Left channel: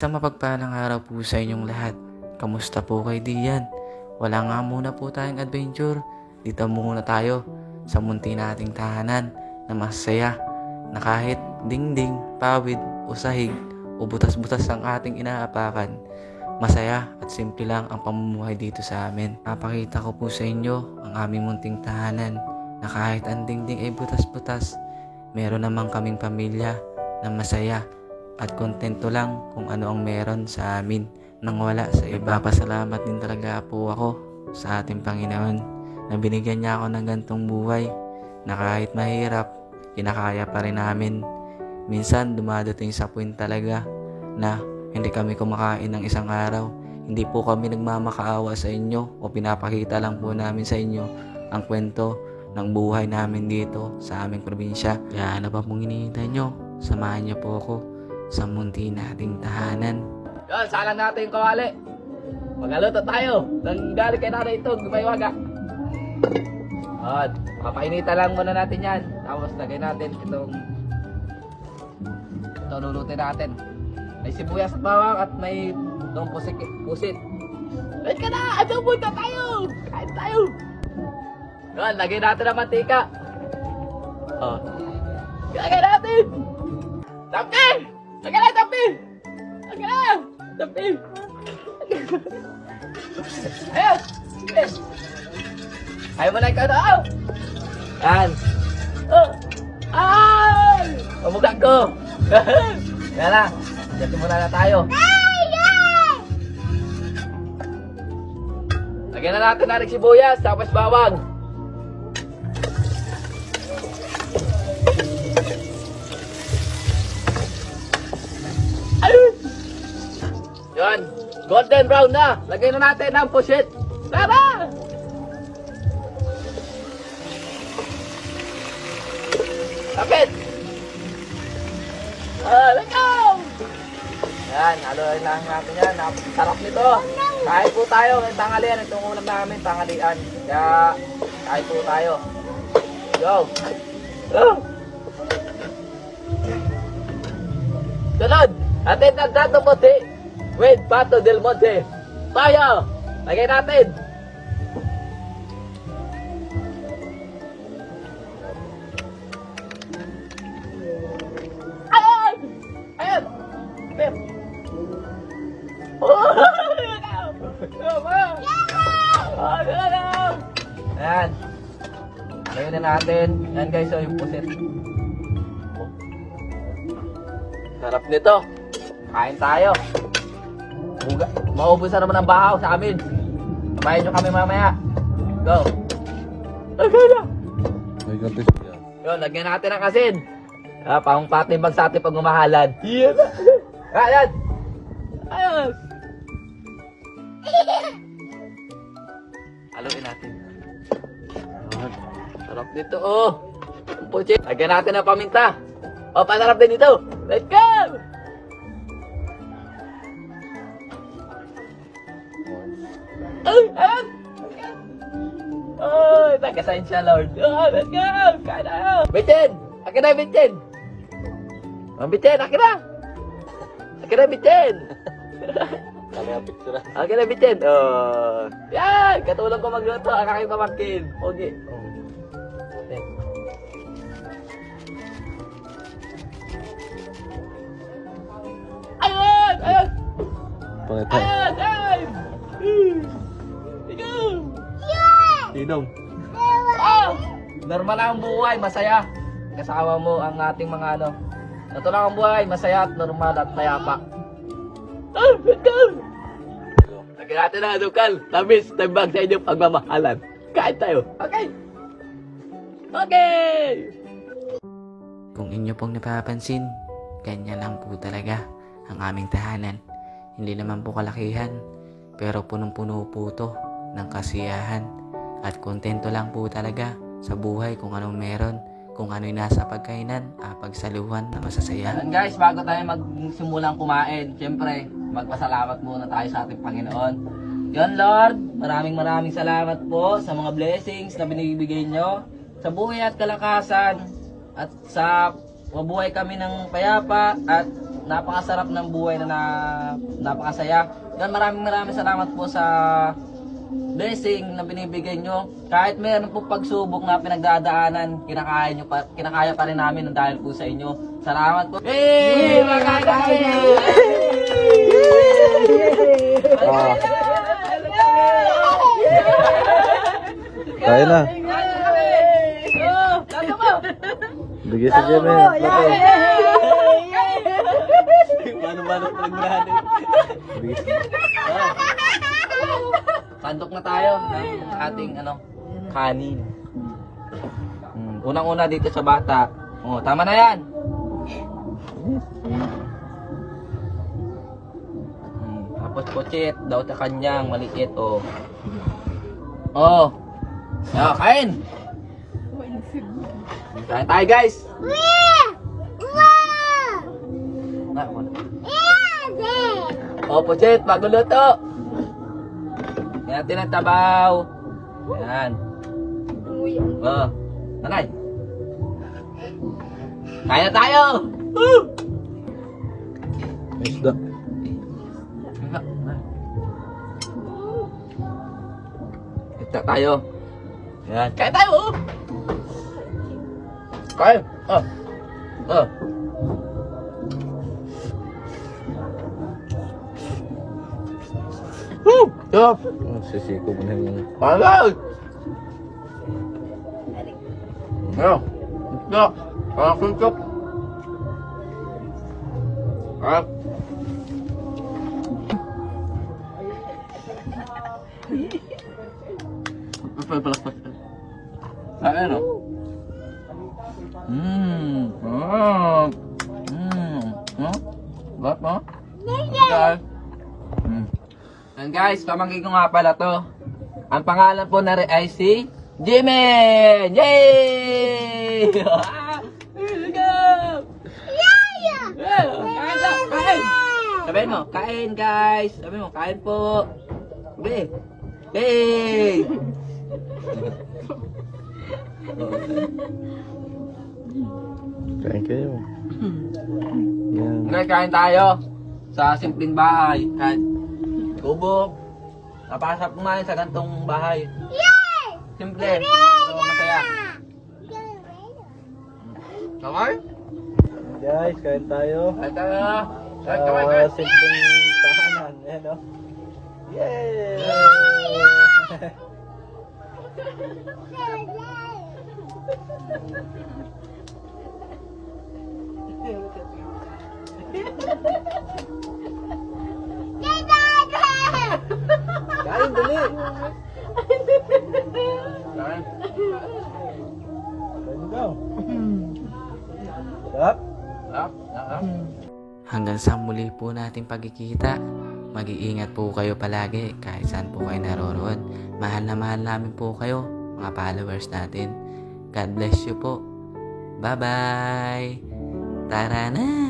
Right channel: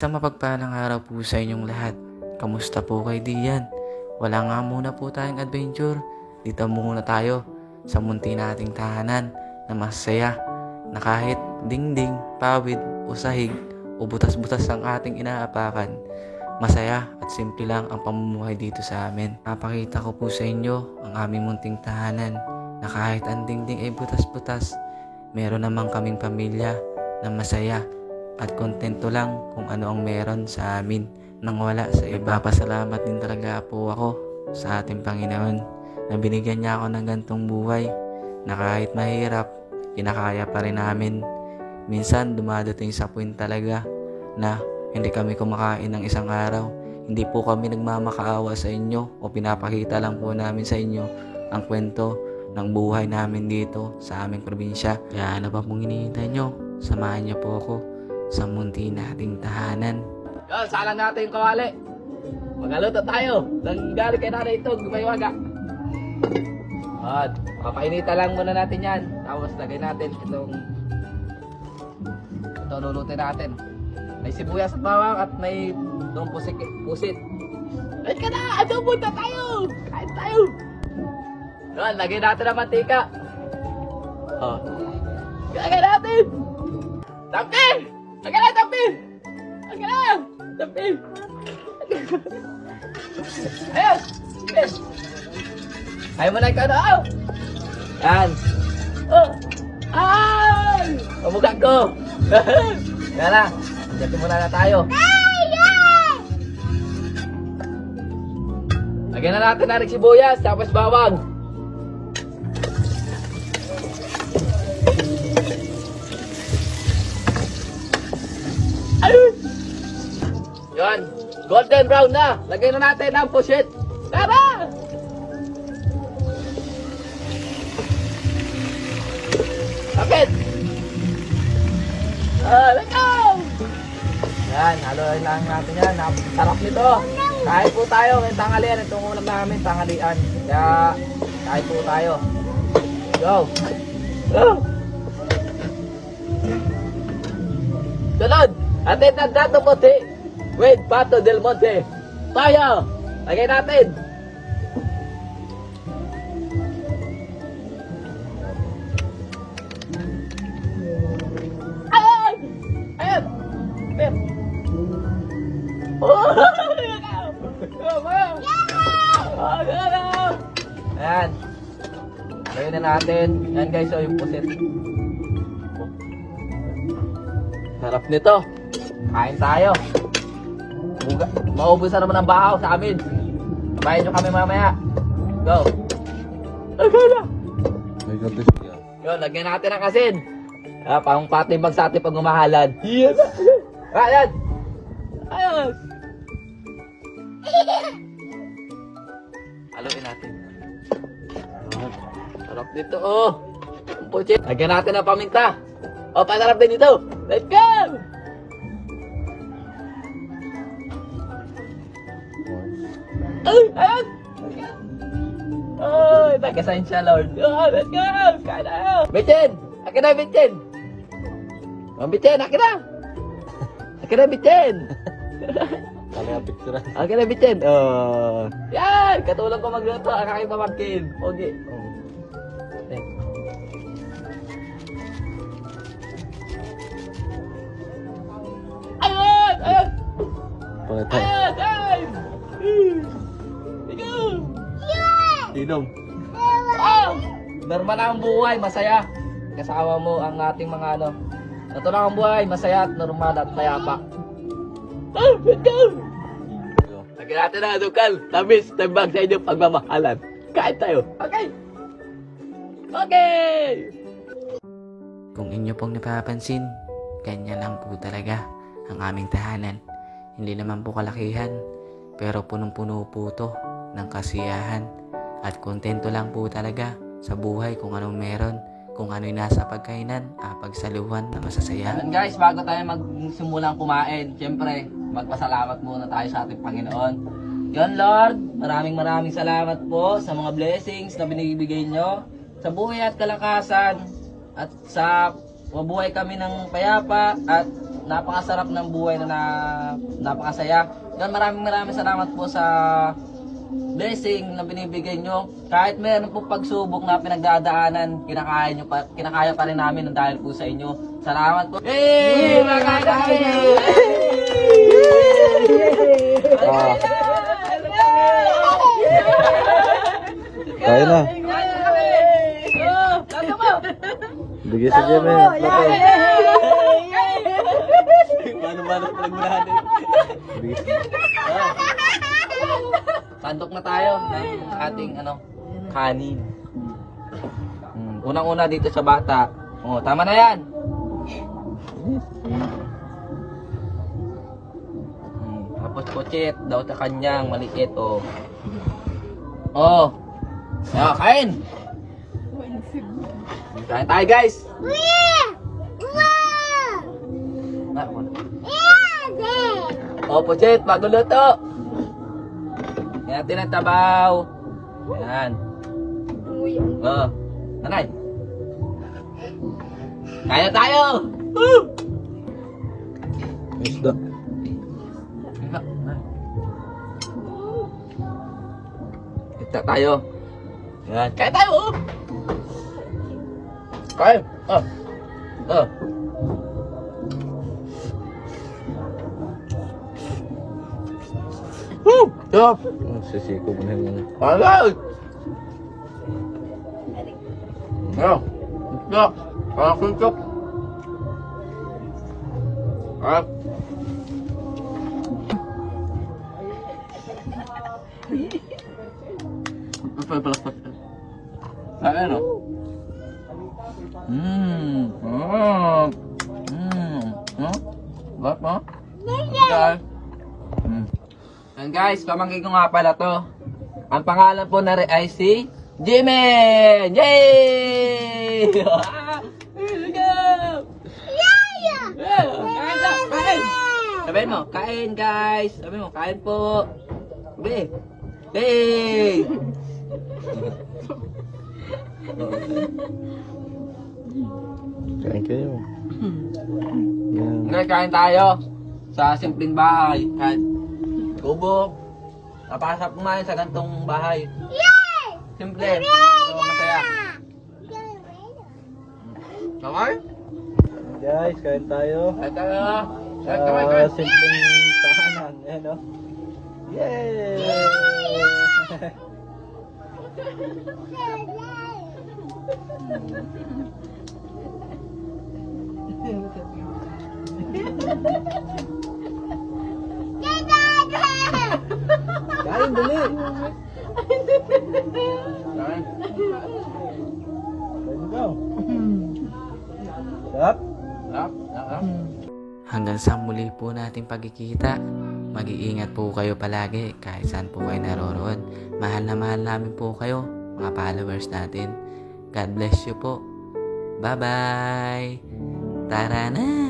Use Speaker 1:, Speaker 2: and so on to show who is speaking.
Speaker 1: Isang mapagpalang araw po sa inyong lahat. Kamusta po kay Dian? Wala nga muna po tayong adventure. Dito muna tayo sa munti nating tahanan na masaya na kahit dingding, pawid o sahig o butas-butas ang ating inaapakan. Masaya at simple lang ang pamumuhay dito sa amin. Napakita ko po sa inyo ang aming munting tahanan na kahit ang dingding ay butas-butas, meron naman kaming pamilya na masaya at kontento lang kung ano ang meron sa amin nang wala sa iba. Pasalamat din talaga po ako sa ating Panginoon na binigyan niya ako ng gantong buhay na kahit mahirap, kinakaya pa rin namin. Minsan dumadating sa point talaga na hindi kami kumakain ng isang araw. Hindi po kami nagmamakaawa sa inyo o pinapakita lang po namin sa inyo ang kwento ng buhay namin dito sa aming probinsya. Kaya ano pa pong hinihintay nyo? Samahan niyo po ako sa munti nating tahanan.
Speaker 2: Yan, sala natin ito, Ali. Magaluto tayo. Nanggalit kay natin ito, waga. At, makainita lang muna natin yan. Tapos lagay natin itong ito lulutin natin. May sibuyas na bawang at may itong pusit. pusit. Ay ka na! Ito po ito tayo! Kain tayo! Yan, lagay natin ang mantika. Oh. Lagay natin! Tapin! Lagay na! Tapin! Ayaw mo na ikaw na! Yan! Ay! Pagbudak ko! Yan na! Ito muna na tayo. Lagyan na natin na sibuyas tapos bawang. Golden brown na. Lagyan na natin ang pusit. Del Monte. Tayo! Lagay natin. Natin. Yan guys, ay pusit. Sarap nito. Kain tayo. Maubos na naman ang bahaw sa amin. Kain na kami mamaya. Go. Yo, lagyan natin ang asin. Uh, pang patimbang sa ating pagmamahalan. Yes. Ayan. Ayos.
Speaker 1: Haluin natin.
Speaker 2: Sarap nito, oh. Lagyan natin ang paminta. Oh, panarap din ito. Let's go! Ay, nagkasensya, Lord. Bitin! Akin na, Bitin! Ma'am Bitin, akin na! Akin na, Bitin! Akin na, Bitin! Oh. Yan! Katulad ko magluto. Ang aking pamangkin. Okay.
Speaker 1: Patay.
Speaker 2: Tinong. Normal ang buhay, masaya. Kasama mo ang ating mga ano. Ito lang ang buhay, masaya at normal at mayapa. Lagyan natin na, Dukal. Tamis, tambag sa inyong pagmamahalan. Kain tayo. Okay. Okay.
Speaker 1: Kung inyo pong napapansin, ganyan lang po talaga ang aming tahanan. Hindi naman po kalakihan, pero punong-puno po to ng kasiyahan at kontento lang po talaga sa buhay kung anong meron, kung ano'y nasa pagkainan, ah, pagsaluhan na masasaya.
Speaker 2: Guys, bago tayo magsimulang kumain, siyempre, magpasalamat muna tayo sa ating Panginoon. Yan Lord, maraming maraming salamat po sa mga blessings na binibigay nyo sa buhay at kalakasan at sa mabuhay kami ng payapa at napakasarap ng buhay na, na napakasaya. Dan maraming maraming salamat po sa blessing na binibigay nyo. Kahit may ano po pagsubok na pinagdadaanan, kinakaya, nyo pa, kinakaya pa rin namin dahil po sa inyo. Salamat po. Hey! May kaya
Speaker 3: na. Bigay sa Jemmy. Bato. Paano ba na Bigay sa
Speaker 2: Pandok na tayo ng ating ano, kanin. Hmm. Unang-una dito sa bata. Oh, tama na yan. Hmm. Tapos kuchit daw sa kanyang maliit oh. Oh. Oh, kain. Kain tayo guys. Oh, kuchit, magluluto. Natin ang tabaw. Yan. Oh, nanay. Kaya tayo. Woo!
Speaker 3: Isda.
Speaker 2: Kita tayo. Yan. Kaya tayo. Kaya. Ah. Ah. Woo! Sarap.
Speaker 3: Sisikod na yun.
Speaker 2: Alright! Yeah. Yeah. Ah, kuntap. Ah. Ano? Mmm. Mmm. Mmm. Huh? Lap mo? Okay. Mm. And guys, pamangkin ko nga pala to. Ang pangalan po na ay si Jimmy! Yay! Sabi mo, kain guys! Sabi mo, kain po! Sabi! Yay!
Speaker 3: Thank you.
Speaker 2: Ngayon kain tayo sa simpleng bahay. Kain tubo. Napasap kumain sa gantong bahay. Simple. So, masaya. Okay?
Speaker 3: Guys, kain tayo.
Speaker 2: At uh, kain, kain,
Speaker 1: Hanggang sa muli po nating pagkikita. Mag-iingat po kayo palagi kahit saan po kayo naroroon. Mahal na mahal namin po kayo, mga followers natin. God bless you po. Bye-bye! Tara na!